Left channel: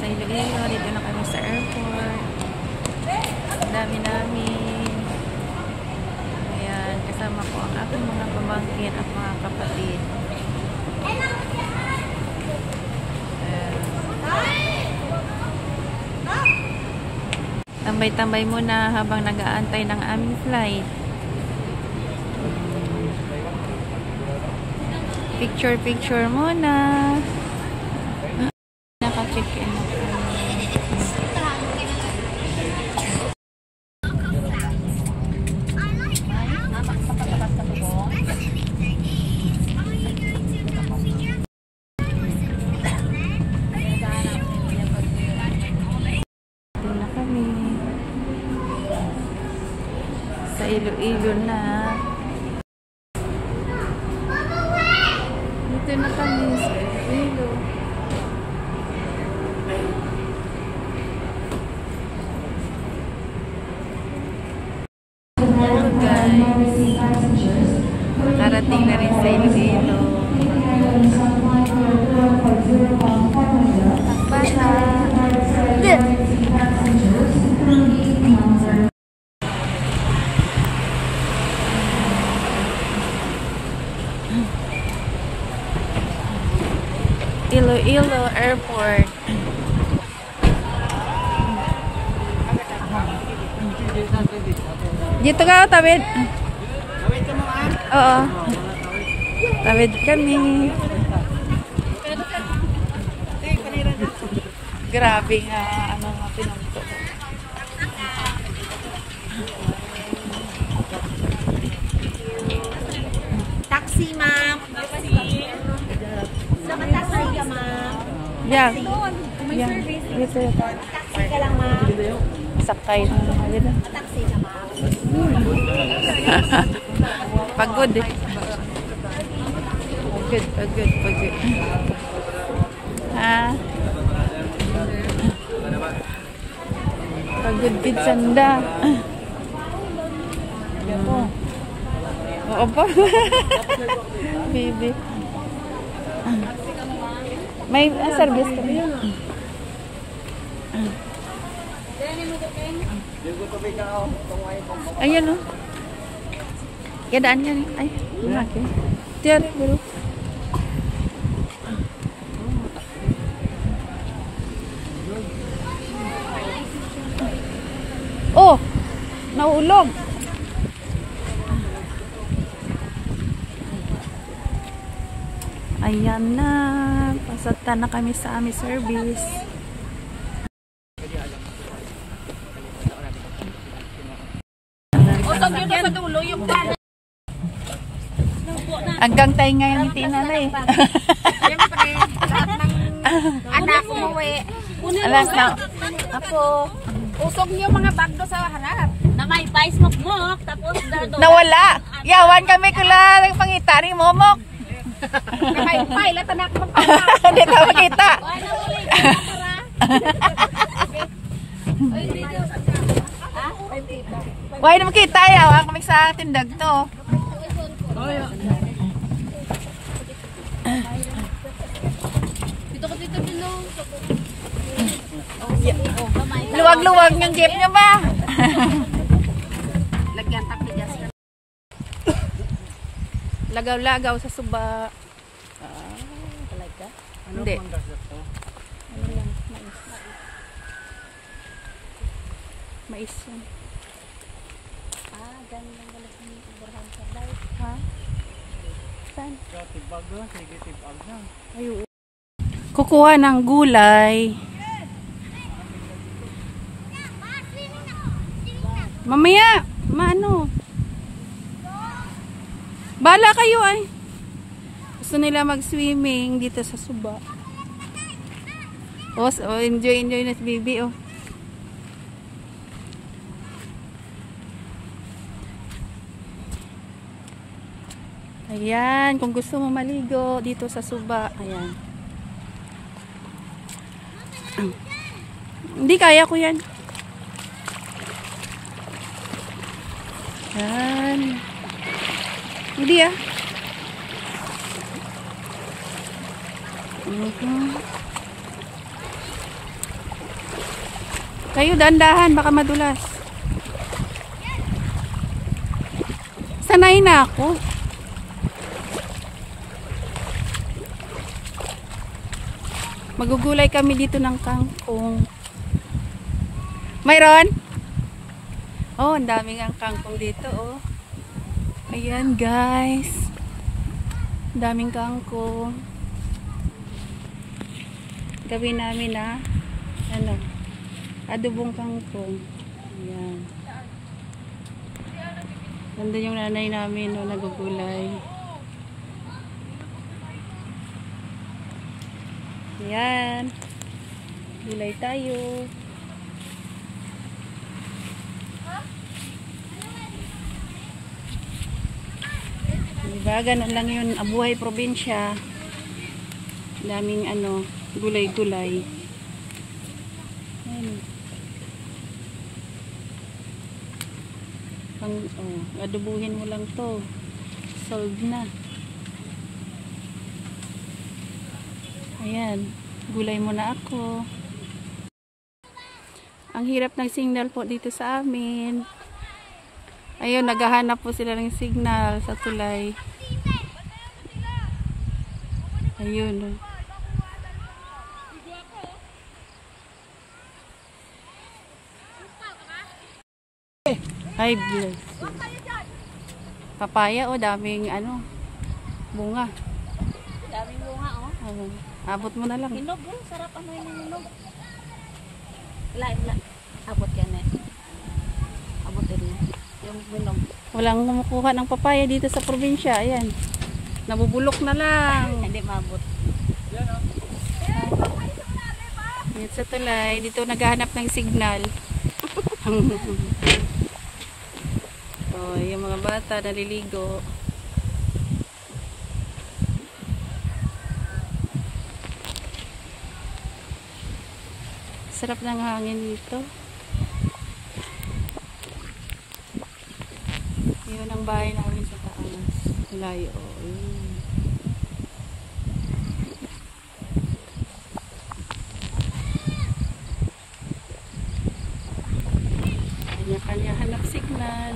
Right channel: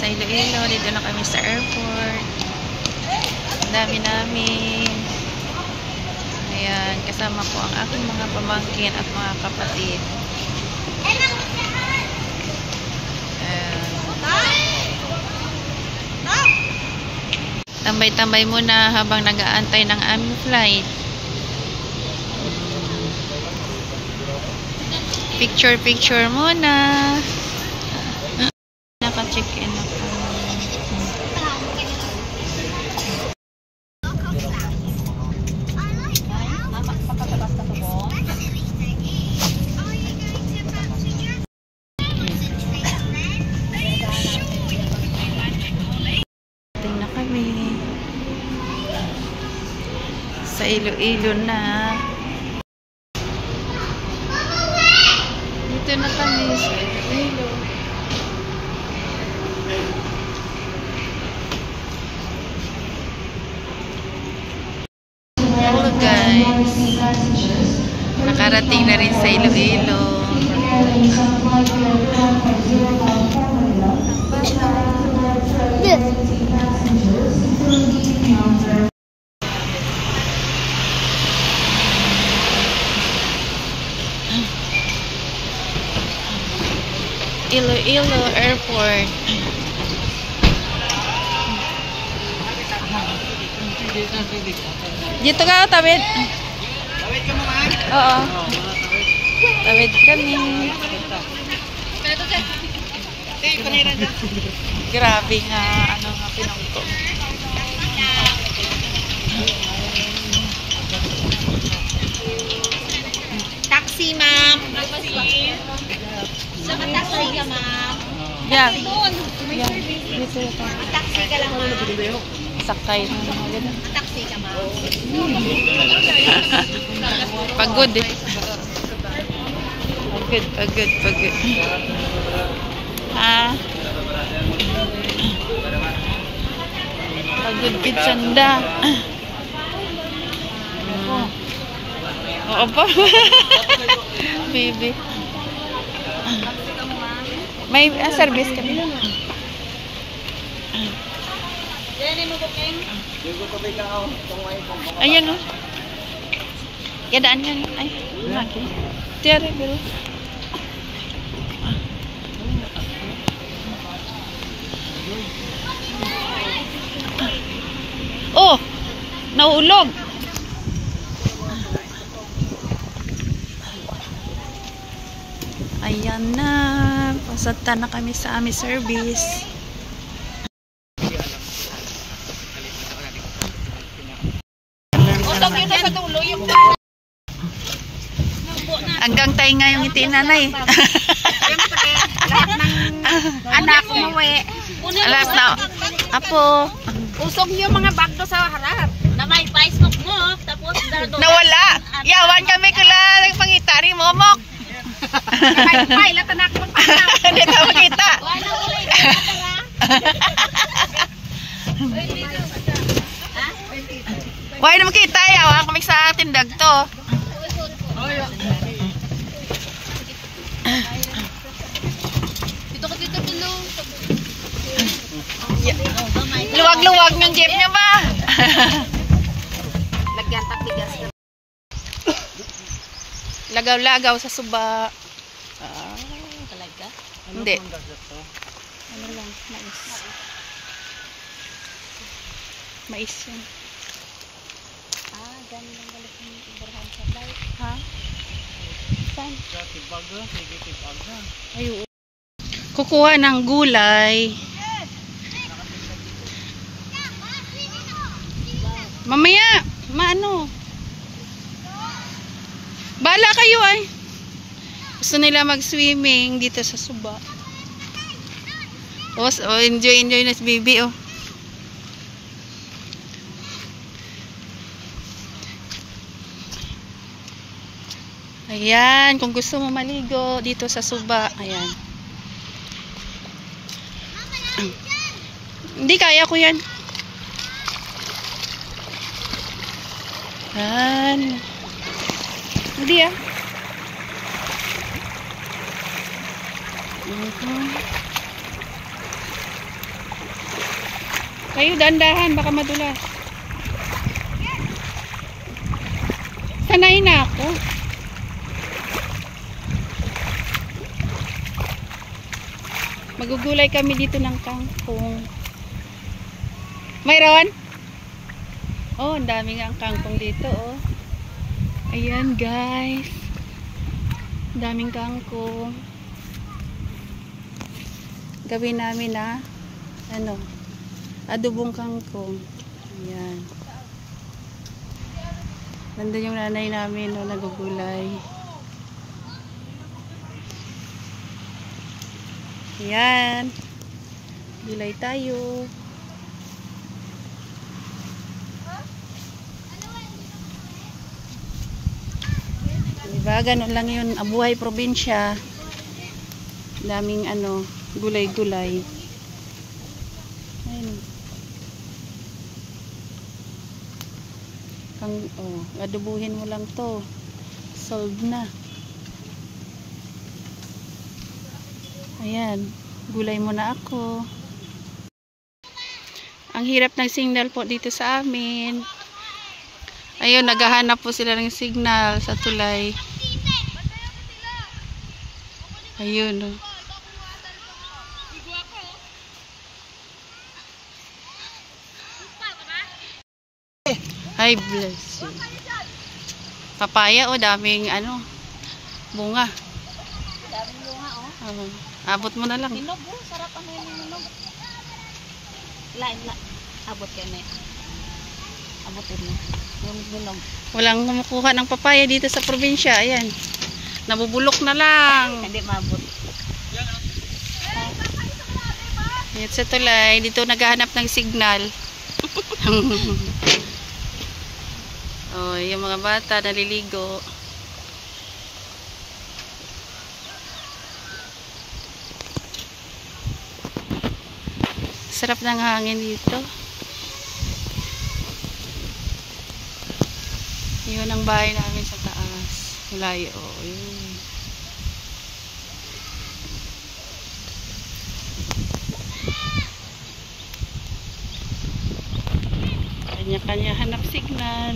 sa Iloilo. Dito na kami sa airport. Dami namin. Ayan, kasama ko ang aking mga pamangkin at mga kapatid. Tambay-tambay muna habang nag-aantay ng aming flight. Picture muna. Naka-check-in na kami. Tingnan na kami. Sa Iloilo na. Dito na kami sa Iloilo. Hello guys. Nakarating na rin sa Iloilo. Iloilo Airport. Dito ka, tawid. Tawid ka mo, ha? Oo. Tawid kami. Grabe nga, ano nga pinungko. Taxi, ma'am. So, taxi ka, ma'am. Yan. Doon. Yan. Dito ito. Taxi ka lang, ma'am. Sakay na mga Taxi ka, ma'am. Pagod eh. Pagod. Ha? Pagod kitsanda. Oo pa. Baby. May service kami. Ayan o. Yadaan yan. Ay, okay. Tiyari, biro. Oh! Naulog! Ayan na. Pasagta na kami sa aming service. Utog yun na sa dulo yung Hanggang tayo nga yung ngiti nanay. siyempre, lahat ng anak umuwi. Alas na. Apo. Usog niyo mga bagdo sa harap. Na may vice mo, tapos dardo. Nawala. Yawan kami kula ng pangitari momok. May latanak mo pa. Hindi tayo makita. Why na makita? Yawan kami sa tindag to. Dito dulu. Luwag-luwag yung jeep niya ba? Lagyan taktigas. Lagaw-lagaw sa suba. Talaga? Hindi. Ano lang, mais. Mais yan. Ganda galit ng Ibrahim sa dahil. Ha? Saan? Tibag na, sige tibag na. Ayun. Kukuha ng gulay. Mamaya, maano? Bala kayo ay. Gusto nila mag-swimming dito sa Suba. Oh, enjoy na si baby oh. Ayan, kung gusto mo maligo dito sa Suba, ayan. Hindi kaya ko yan. Yan. Hindi ah. Kayo dahan-dahan, baka madulas. Sanay na ako. Magugulay kami dito ng kangkong. Mayroon? Oh, ang daming ang kangkong dito, oh. Ayan, guys. Ang daming kangkong. Gawin namin na adobong kangkong. Ayan. Ganda yung nanay namin, no, nagugulay. Ayan. Gulay tayo. Diba, ganun lang yun, abuhay probinsya. Daming gulay-gulay. Ayun. Adobuhin mo lang to. Solved na. Ayan, gulay muna ako. Ang hirap ng signal po dito sa amin. Ayun, naghahanap po sila ng signal sa tulay. Ayun. Hi, bless you. Papaya, daming bunga. Daming bunga, oh. Abot mo na lang. Hinog, oh. Sarap yung hinog. Lain. Abot ka na. Abot din. Yung hinog. Walang kumukuha ng papaya dito sa probinsya. Ayan. Nabubulok na lang. Hindi mabot. Dito sa tulay. Dito naghahanap ng signal. Oh, yung mga bata naliligo. Sarap ng hangin dito. Yun ang bahay namin sa taas. Malayo. Yun. Kanya-kanya hanap signal.